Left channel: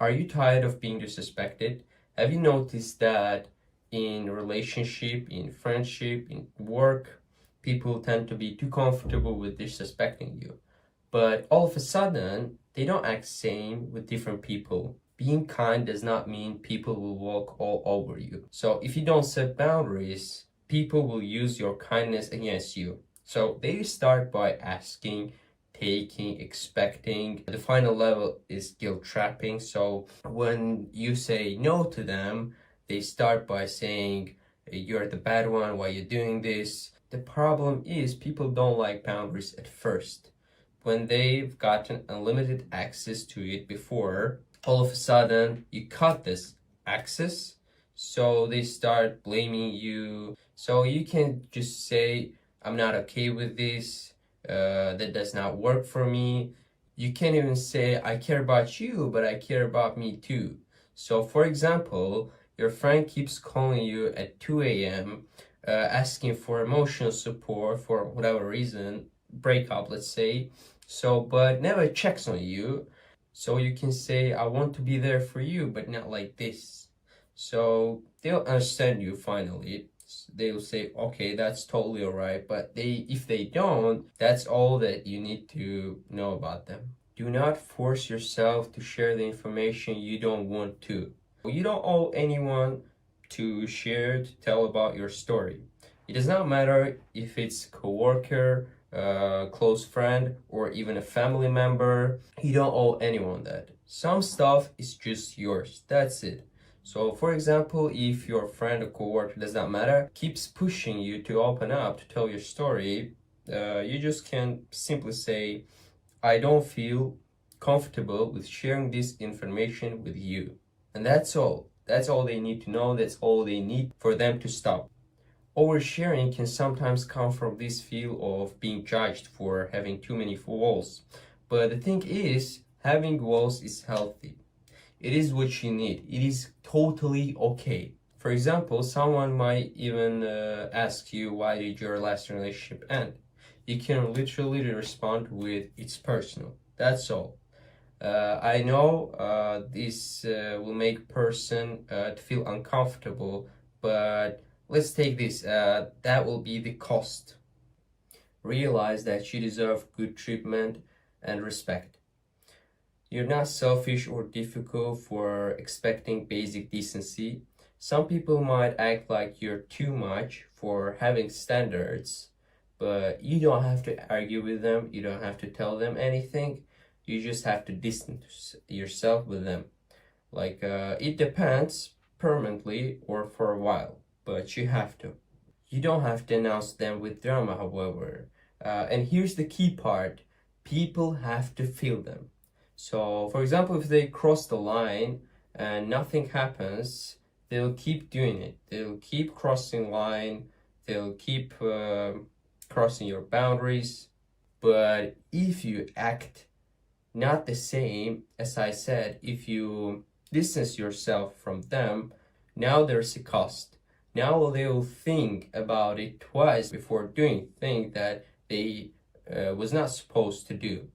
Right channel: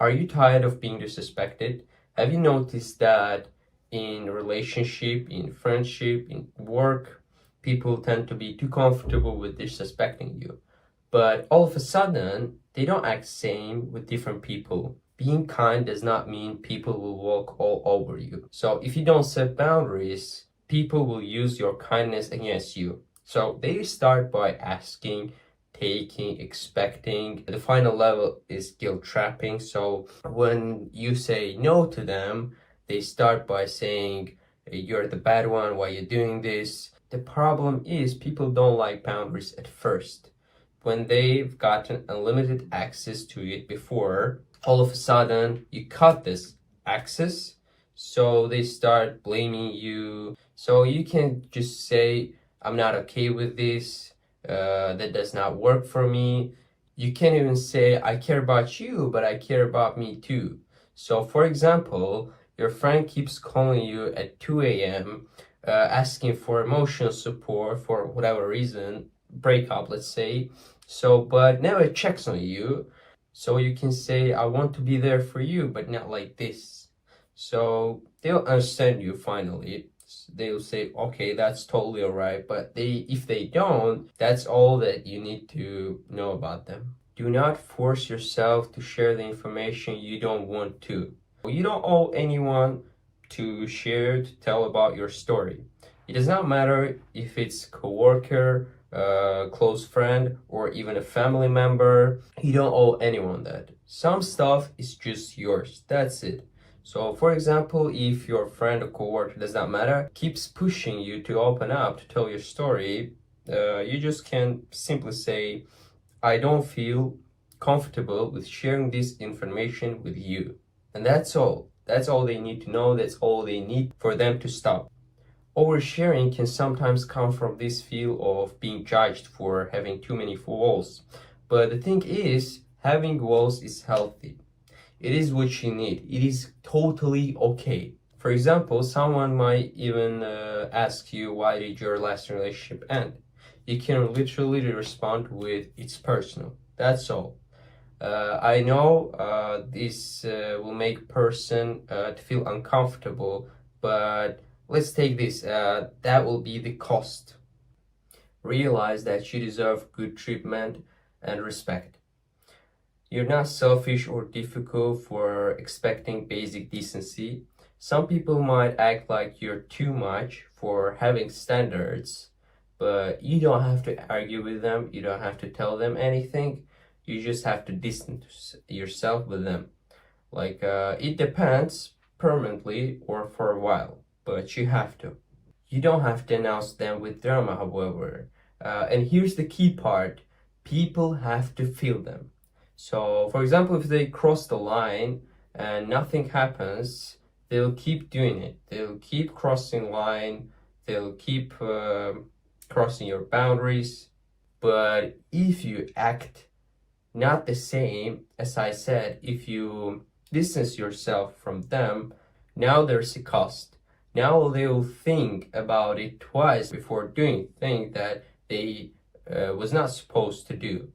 Are you tired of being disrespected? Have you noticed that in relationship, in friendship, in work, people tend to be too comfortable with disrespecting you? But all of a sudden, they don't act the same with different people. Being kind does not mean people will walk all over you. So if you don't set boundaries, people will use your kindness against you. So they start by asking, taking, expecting. The final level is guilt trapping. So when you say no to them, they start by saying, you're the bad one, why are you doing this? The problem is people don't like boundaries at first. When they've gotten unlimited access to it before, all of a sudden you cut this access, so they start blaming you. So you can just say, I'm not okay with this, that does not work for me. You can't even say, I care about you, but I care about me too. So for example, your friend keeps calling you at 2 a.m., asking for emotional support for whatever reason, breakup, let's say. So, but never checks on you. So you can say, I want to be there for you, but not like this. So they'll understand you finally. They'll say, okay, that's totally all right. But if they don't, that's all that you need to know about them. Do not force yourself to share the information you don't want to. You don't owe anyone to share, to tell about your story. It does not matter if it's coworker, close friend, or even a family member. You don't owe anyone that. Some stuff is just yours. That's it. So for example, if your friend or coworker, does not matter, keeps pushing you to open up, to tell your story, you just can simply say, I don't feel comfortable with sharing this information with you. And that's all. That's all they need to know. That's all they need for them to stop. Oversharing can sometimes come from this feel of being judged for having too many walls. But the thing is, having walls is healthy. It is what you need. It is totally okay. For example, someone might even ask you, why did your last relationship end? You can literally respond with, it's personal. That's all. I know this will make person to feel uncomfortable, but let's take this. That will be the cost. Realize that you deserve good treatment and respect. You're not selfish or difficult for expecting basic decency. Some people might act like you're too much for having standards, but you don't have to argue with them. You don't have to tell them anything. You just have to distance yourself with them. Like, it depends permanently or for a while, but you have to. You don't have to announce them with drama, however. And here's the key part. People have to feel them. So, for example, if they cross the line and nothing happens, they'll keep doing it. They'll keep crossing line. They'll keep crossing your boundaries. But if you act not the same, as I said, if you distance yourself from them, now there's a cost. Now they'll think about it twice before doing things that they was not supposed to do.